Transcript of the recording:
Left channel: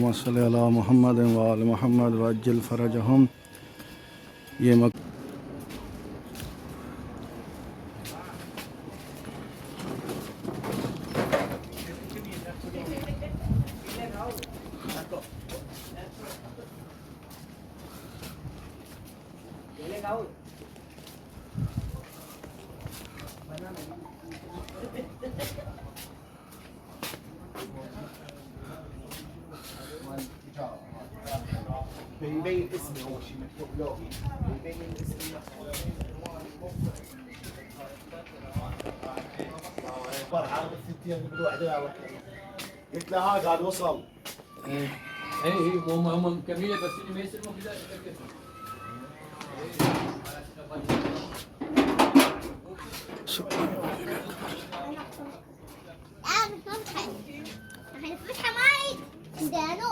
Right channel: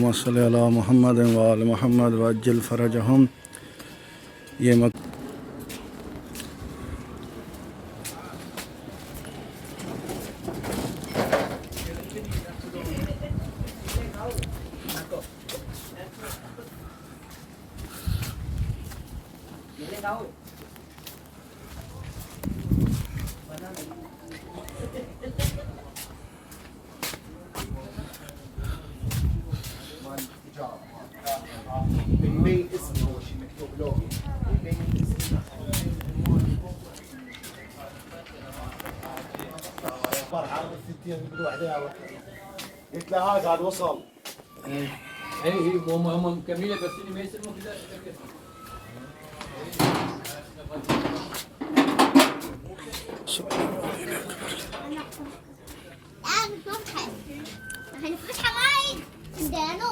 اللهم صل على محمد وآل محمد وعجل فرجهم. ये मक من بين اسمي هو شيء مكتوب لوجي من بين اسمي عرض الستين بدو واحدة قلت له هاي قاعد وصل اي هم مكملين بس اللي ما يسلموا كذا. الفتحة ماي عندنا